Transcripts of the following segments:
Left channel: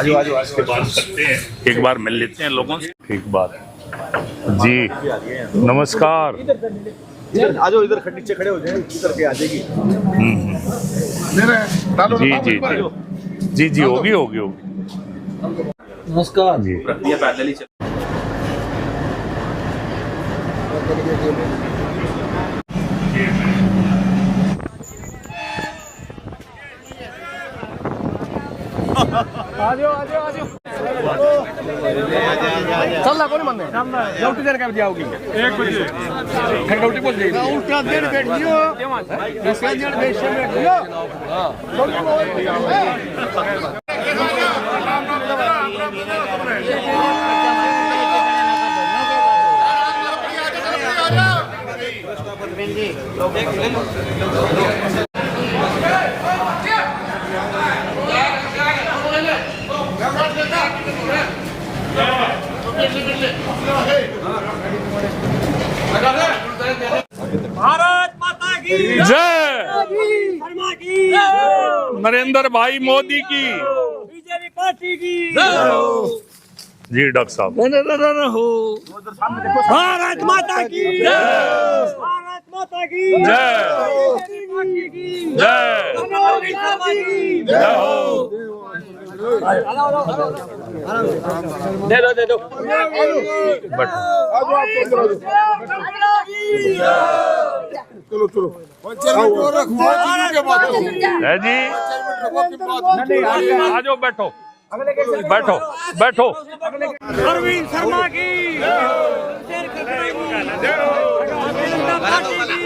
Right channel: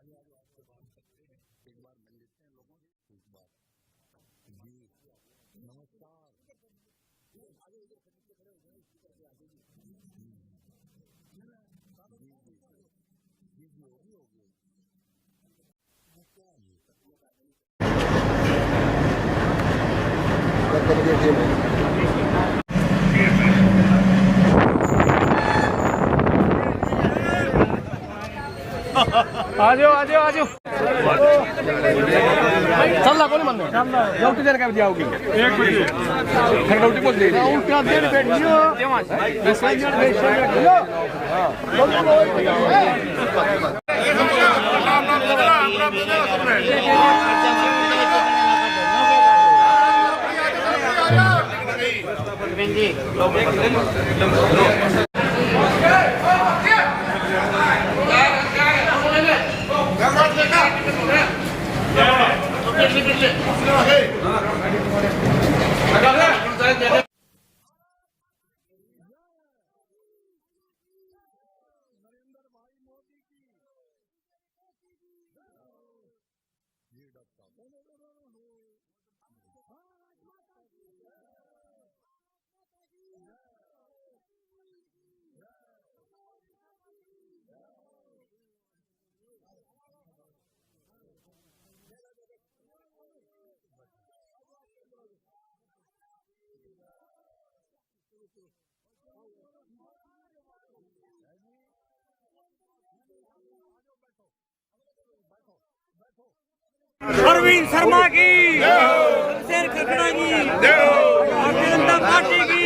आजो आजो आज के बात करते हैं, एक बार मिल लेते हैं लोगों से। एक बार जी, नमस्कार। आजो इधर नीचे खड़े हो जाए, इधर के आ जाएगी। जी जी जी जी होगी होगी होगी। नमस्कार जी। पैदल ही आजो आजो आजो चल ला कोण म्हणणे गावठी जर काय द्यावगी 1 मिनिट खर गावठी बोल दे उलटा दे भारत माता की जय, शर्मा की नरेंद्र भाई मोदी की बीजेपी पार्टी की जी। डॉक्टर साहब भारत माता की भारत माता की जय पार्टी की जय मोदी शर्मा की जय हो। दे दो बट है जी, आ जाओ, बैठो बैठो बैठो। अरविंद शर्मा की शेर खकड़ा की भारतीय जनता पार्टी की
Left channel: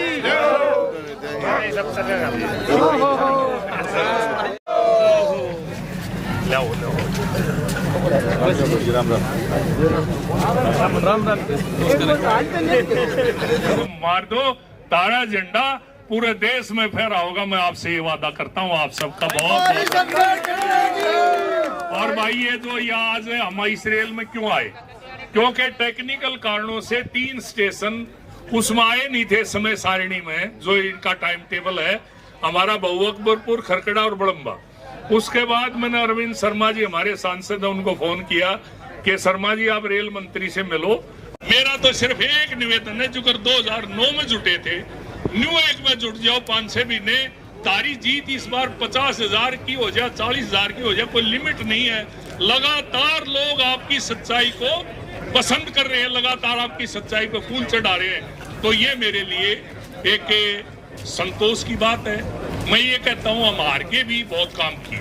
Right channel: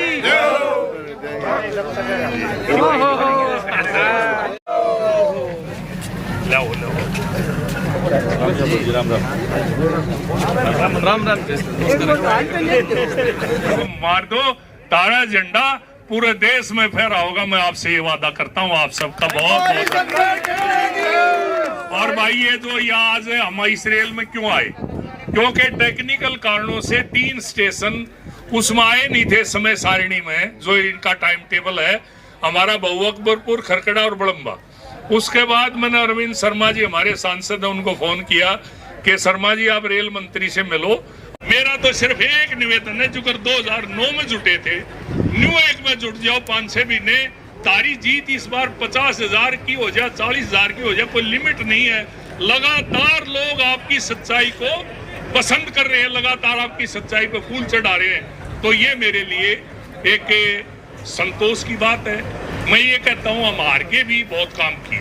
लाओ लाओ। मार दो तारा झंडा, पूरे देश में फहरा होगा। मैं आपसे ये वादा करता हूँ, आप सबका बहुत और भाई ये जो यहाँ आज हम इसराइल में क्यों आए, क्योंकि टेक्निकल कारणों से 3 स्टेशन उसमें आए नहीं थे समय सारिणी में, जो इनका टाइम टेबल है हमारा बहु अकबरपुर, खरकड़ा और बड़म्बा। उसके बाद मैंने अरविंद शर्मा जी हमारे सांसद हैं, उनको फोन किया कि शर्मा जी आप रेल मंत्री से मिलो। मेरा तो सिर्फ एक निवेदन है, जो कर 2009 में जुटे थे, न्यू एक में जुट जाओ 5-6 महीने। तारी जीत इस बार 50,000 की हो जाए, 40,000 की हो जाए, कोई लिमिट नहीं है। लगातार लोग आपकी सच्चाई को पसंद कर रहे हैं, लगातार आपकी सच्चाई पे फूल चढ़ा रहे हैं। तो ये मेरे लिए एक संतोष की बात है। मैं ये कहता हूँ हम हार के भी बहुत काम किए,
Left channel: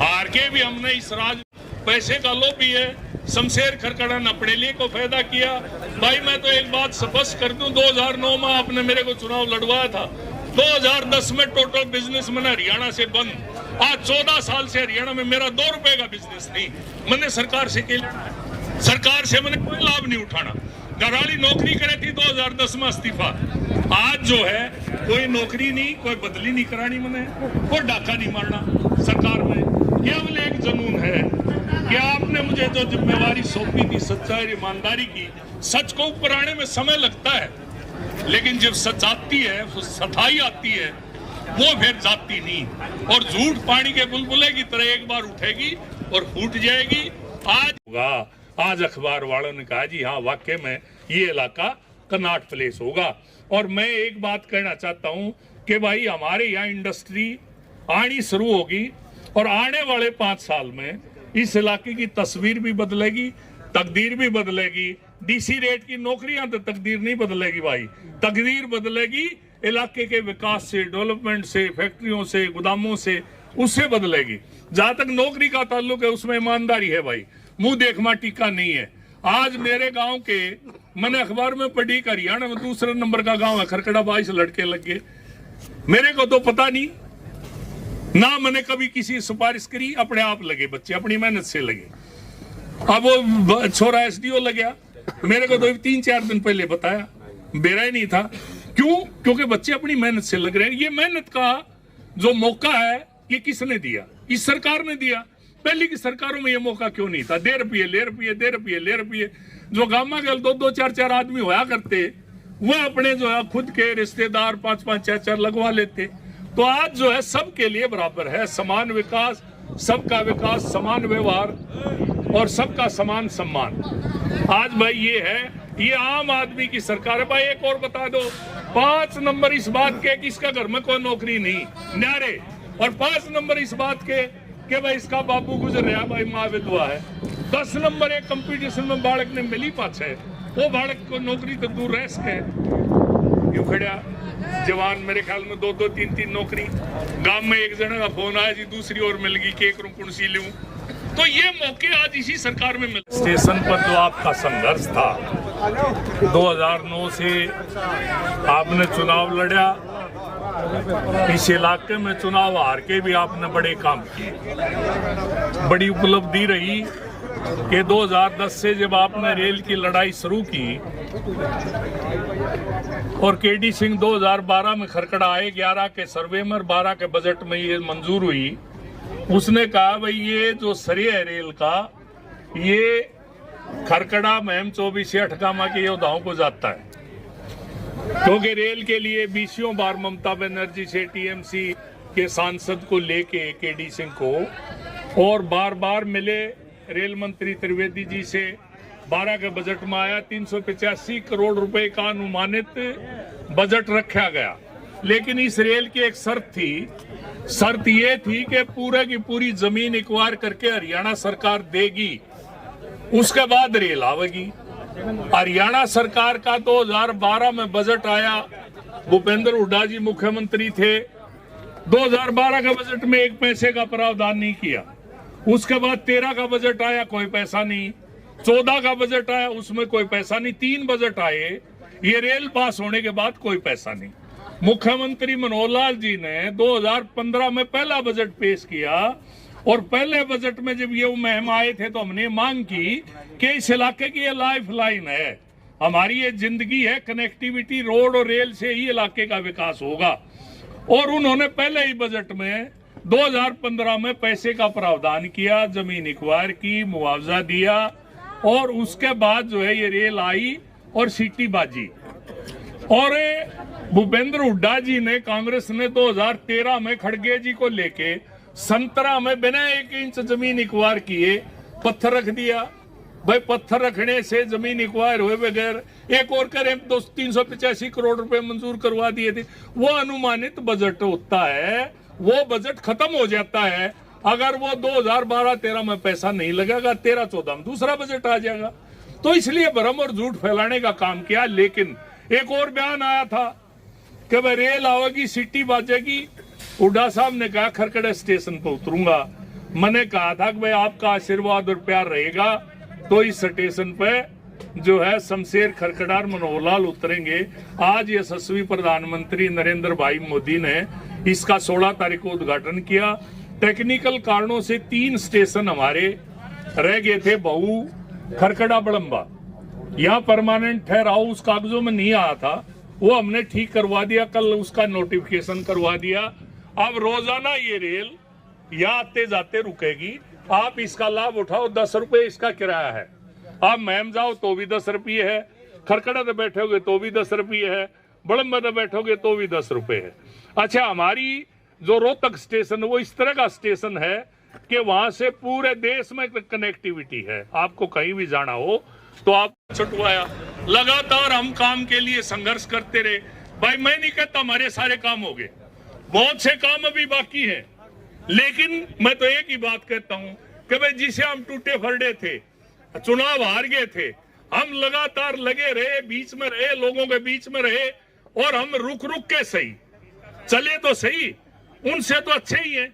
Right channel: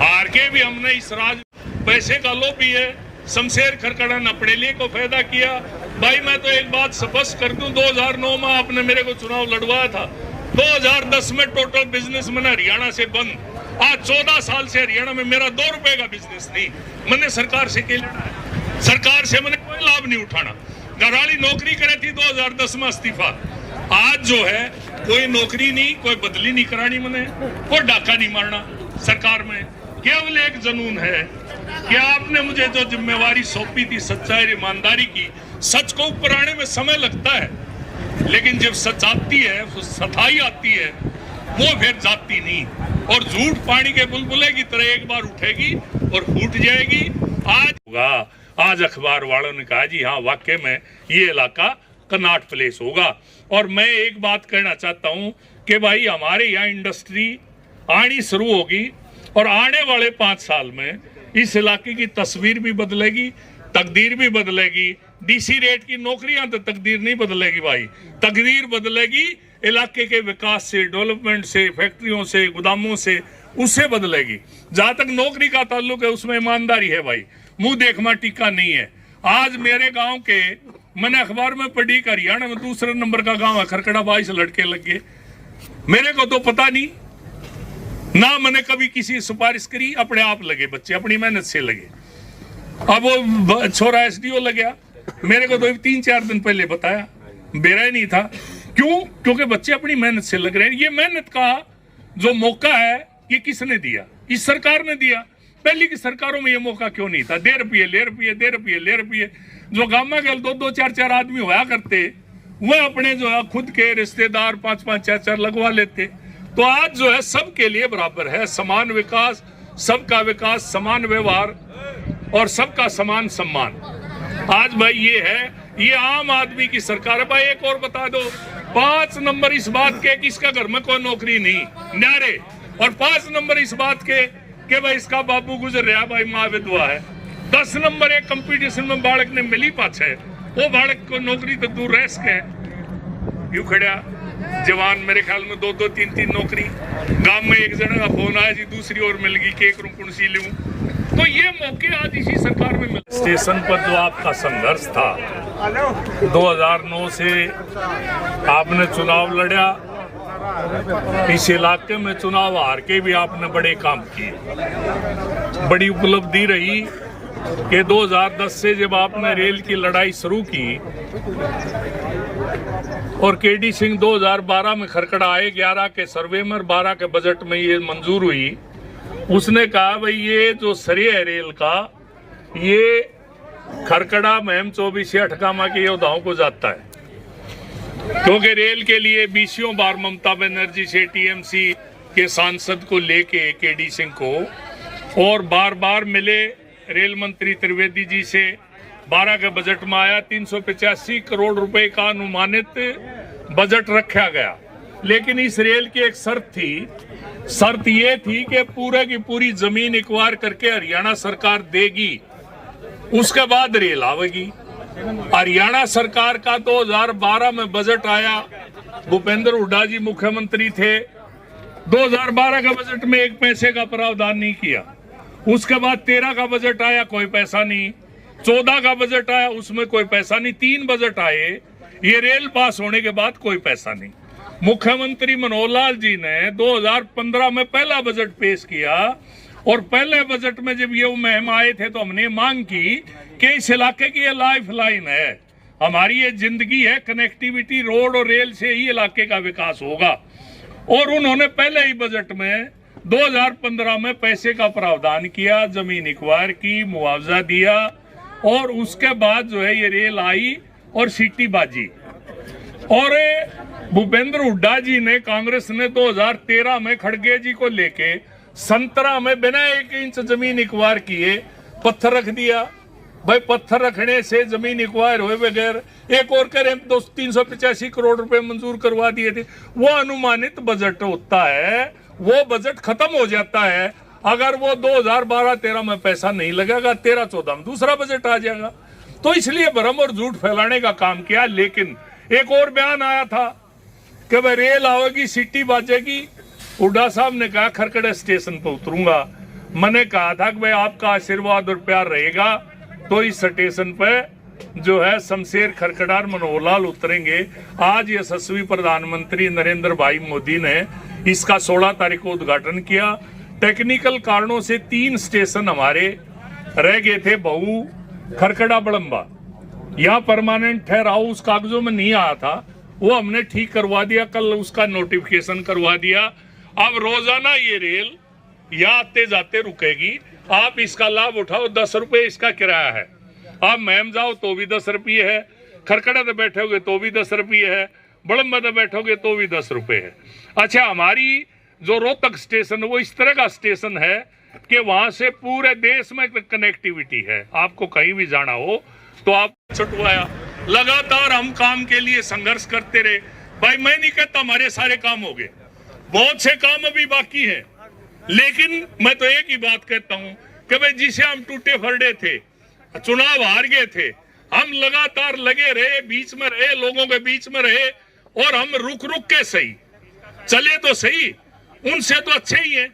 हार के भी हमने इस राज पैसे का लोभी है, शमशेर खरकड़ा ने अपने लिए को फायदा किया। भाई मैं तो एक बात स्पष्ट कर दूं, 2009 में आपने मेरे को चुनाव लड़वाया था, 2010 में टोटल बिजनेस मैंने हरियाणा से बंद। आज 14 साल से हरियाणा में मेरा 2 रुपए का बिजनेस नहीं। मैंने सरकार से क्या लेना है, सरकार से मैंने कोई लाभ नहीं उठाना। घरवाली नौकरी करे थी 2010 में इस्तीफा, आज जो है कोई नौकरी नहीं, कोई बदली नहीं करानी, मैंने कोई डाका नहीं मारना। सरकार में केवल एक जनून है कि आपने मुझे जो जिम्मेवारी सौंपी थी सच्चाई ईमानदारी की, सच को ऊपर आने में समय लगता है, लेकिन जब सच आती है, सच्चाई आती है, वो फिर जाती नहीं। और झूठ पानी के बुलबुले की तरह एक बार उठेगी और फूट जाएगी। आज अखबार वालों ने कहा जी हाँ वाकई में ये इलाका कनॉट प्लेस होगा। और मैं एक बात कहना चाहता हूं कि भाई हमारे यहाँ इंडस्ट्री आनी शुरू होगी और आने वाले 5 साल में इस इलाके की तस्वीर भी बदलेगी, तकदीर भी बदलेगी। डीसी रेट की नौकरियां तो तकदीर नहीं बदलेगी भाई, तकदीर बदलेगी इलाके के विकास से, डेवलपमेंट से, फैक्ट्रियों से, गोदामों से, उससे बदलेगी। जहां तक नौकरी का ताल्लुक है उसमें ईमानदारी है भाई, मुंह देखमा टीका नहीं है। आज मेरे गांव के मैंने अखबार में पढ़ी कि हरियाणा में दूसरे नंबर का गांव है खरकड़ा, 22 लड़के लगे। मेरे को तो पता नहीं ना, मैंने कभी किसी सिफारिश करी, अपने आप लगे बच्चे, अपनी मेहनत से लगे। अब वो छोरा एसडीओ लग गया, मेरे को तो 3-4 दिन पहले बताया, बेरा ही नहीं था। क्यों? क्योंकि बच्चे अपनी मेहनत से लग रहे हैं। ये मेहनत का जो मौका है ये किसने दिया? इस सरकार ने दिया। पहले की सरकारों में ये मौका क्यों नहीं था? 1.5 रुपये ले रुपये, 1.5 रुपये ले रुपये। जो गामा के 2-2, 4-4 आदमी होया करते, वह अपने जो है खुद के रिश्तेदार 5-5, 4-4 लगवा लेते। तो आज जो है सबके लिए बराबर है, समान विकास, सबका विकास, समान व्यवहार और सबका समान सम्मान। आज भाई ये है, ये आम आदमी की सरकार है। भाई एक और बता दो, 5 नंबर इस बात के कि इसका घर में कोई नौकरी नहीं, न्यारे, और 5 नंबर इस बात के कि भाई इसका बापू गुजर रहा, भाई माँ विधवा है। 10 नंबर एक कंपटीशन में बालक ने मिली पाछ है, वो बालक को नौकरी तो दूर रह सके, यूं खड़ा जवान मेरे ख्याल में 2-2, 3-3 नौकरी। गांव में एक जना का फोन आया जी, दूसरी ओर मिल गई, केक रुकुण सी लूं। तो ये मौके आज इसी सरकार में मिले। स्टेशन पर जो आपका संघर्ष था, 2009 से आपने चुनाव लड़ा, इस इलाके में चुनाव हार के भी आपने बड़े काम किए। बड़ी उपलब्धि रही कि 2010 से जब आपने रेल की लड़ाई शुरू की और केडी सिंह 2012 में खरकड़ा आए, 11 के सर्वे में, 12 के बजट में ये मंजूर हुई। उसने कहा भाई ये जो श्रेय है रेल का, ये खरकड़ा, महम, 24 अठकामा के योद्धाओं को जाता है, क्योंकि रेल के लिए 20 बार ममता बनर्जी से टीएमसी के सांसद को लेके केडी सिंह को, और बार बार मिले रेल मंत्री त्रिवेदी जी से। 12 के बजट में आया, 385 करोड़ रुपए का अनुमानित बजट रखा गया। लेकिन इस रेल की एक शर्त ये थी कि पूरे की पूरी जमीन एक्वायर करके हरियाणा सरकार देगी, उसके बाद रेल आवेगी। हरियाणा सरकार का 2012 में बजट आया, भूपेंद्र हुड्डा जी मुख्यमंत्री थे। 2012 के बजट में 1 पैसे का प्रावधान नहीं किया। उसके बाद 13 का बजट आया, कोई पैसा नहीं। 14 का बजट आया, उसमें कोई पैसा नहीं। 3 बजट आए, ये रेल पास होने के बाद कोई पैसा नहीं। मुख्यमंत्री मनोहर लाल जी ने 2015 में पहला बजट पेश किया, और पहले बजट में जब ये मुहिम आए थे तो हमने मांग की कि इस इलाके की ये लाइफ लाइन है, हमारी ये जिंदगी है, कनेक्टिविटी रोड और रेल से ही इलाके का विकास होगा। और उन्होंने पहले ही बजट में 2015 में पैसे का प्रावधान किया, जमीन एक्वायर की, मुआवजा दिया, और उसके बाद जो है ये रेल आई और सीटी बाजी। और भूपेंद्र हुड्डा जी ने, कांग्रेस ने 2013 में खड़गे जी को लेके संतरा में बिना 1 इंच जमीन एक्वायर किए पत्थर रख दिया। भाई पत्थर रखने से जमीन एक्वायर हुए बगैर एक और करें 385 करोड़ रुपए मंजूर करवा दिए थे। वो अनुमानित बजट होता है, वो बजट खत्म हो जाता है अगर वो 2012-13 में पैसा नहीं लगेगा, 13-14 में दूसरा बजट आ जाएगा। तो इसलिए भ्रम और झूठ फैलाने का काम किया। लेकिन एक और बयान आया था कि भाई रेल आवेगी, सिटी बाजेगी। हुड्डा साहब ने कहा खरकड़ा स्टेशन पर उतरूंगा। मैंने कहा था कि भाई आपका आशीर्वाद और प्यार रहेगा तो इस स्टेशन पे जो है शमशेर खरकड़ा और मनोहर लाल उतरेंगे। आज यशस्वी प्रधानमंत्री नरेंद्र भाई मोदी ने इसका 16 तारीख को उद्घाटन किया। टेक्निकल कारणों से 3 स्टेशन हमारे रह गए थे, बहु, खरकड़ा, बड़म्बा। यहाँ परमानेंट ठहराव उस कागजों में नहीं आया था, वो हमने ठीक करवा दिया, कल उसका नोटिफिकेशन करवा दिया। अब रोजाना ये रेल यहाँ आते जाते रुकेगी, आप इसका लाभ उठाओ। 10 रुपए इसका किराया है। आप महम जाओ तो भी 10 रुपये है, खरकड़ा तो बैठोगे तो भी 10 रुपये है, बड़म्बा तो बैठोगे तो भी 10 रुपये है। अच्छा, हमारी जो रोहतक स्टेशन वो इस तरह का स्टेशन है कि वहां से पूरे देश में कनेक्टिविटी है। आपको कहीं भी जाना हो तो आप छुटवाया। लगातार हम काम के लिए संघर्ष करते रहे। भाई मैं नहीं कहता हमारे सारे काम हो गए, बहुत से काम अभी बाकी है, लेकिन मैं तो एक ही बात कहता हूं कि भाई जिसे हम टूटे फरडे थे, चुनाव हार गए थे, हम लगातार लगे रहे, बीच में रहे, लोगों के बीच में रहे, और हम रुक रुक के सही चले तो सही, उनसे तो अच्छे ही हैं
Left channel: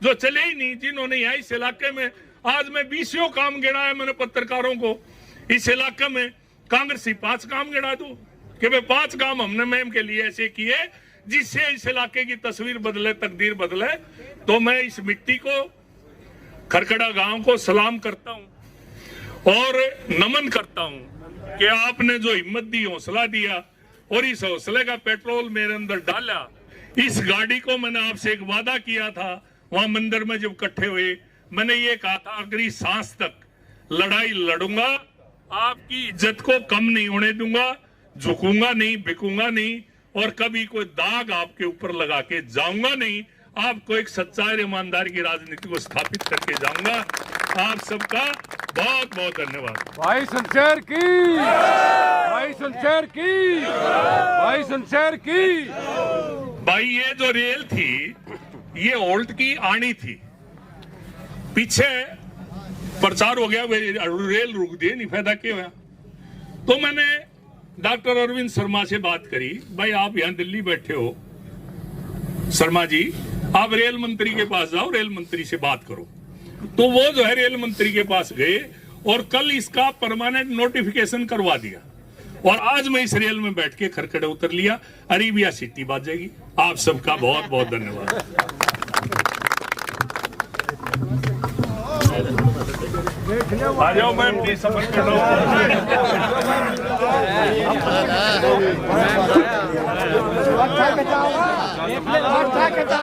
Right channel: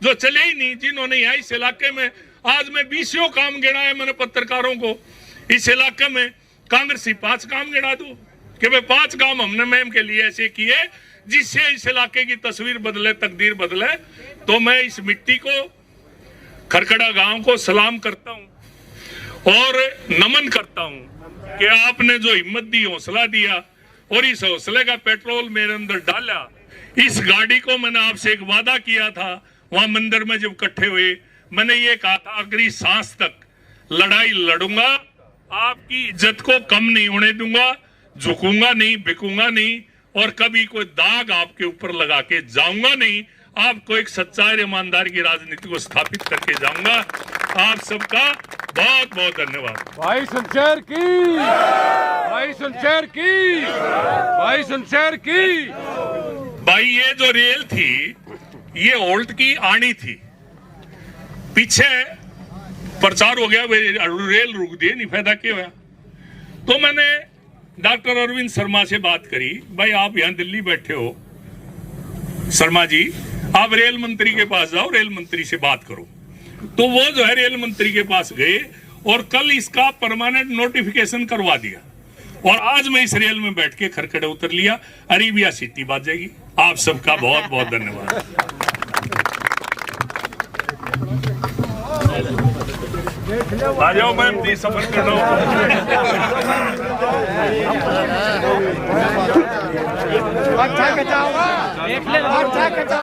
जो चले ही नहीं, जिन्होंने यहाँ इस इलाके में, आज मैं 20 काम गिनाया मैंने पत्रकारों को, इस इलाके में कांग्रेसी 5 काम गिना दूं कि भाई 5 काम हमने मैम के लिए ऐसे किए जिससे इस इलाके की तस्वीर बदले, तकदीर बदले। तो मैं इस मिट्टी को, खरकड़ा गांव को सलाम करता हूं और नमन करता हूं कि आपने जो हिम्मत दी, हौसला दिया, और इस हौसले का पेट्रोल मेरे अंदर डाला। इस गाड़ी को मैंने आपसे एक वादा किया था, वहां मंदिर में जब इकट्ठे हुए, मैंने ये कहा था आखिरी सांस तक लड़ाई लड़ूंगा, आपकी इज्जत को कम नहीं होने दूंगा, झुकूंगा नहीं, बिकूंगा नहीं, और कभी कोई दाग आपके ऊपर लगा के जाऊंगा नहीं। आपको एक सच्चाई और ईमानदारी की राजनीति को स्थापित करके जाऊंगा। आप सबका बहुत बहुत धन्यवाद। भाई शमशेर की, भाई शमशेर की, भाई शमशेर की। भाई ये जो रेल थी ये ओल्ट की आनी थी, पीछे प्रचार हो गया रेल रुक दी, नहीं फायदा क्या हुआ। तो मैंने डॉक्टर अरविंद शर्मा से बात करी, भाई आप यहाँ दिल्ली बैठे हो, शर्मा जी आप रेल मंत्री के पास जाओ, रेल मंत्री से बात करो। तो वो जो है रेल मंत्री के पास गए और कल इसका परमानेंट नोटिफिकेशन करवा दिया और आज मैं इस रेल में बैठ के खरखड़े उतर लिया। अरेबिया सिटी बाजेगी। आप सबका बहुत बहुत धन्यवाद। आ जाओ मैम, प्लीज सफर कर लो।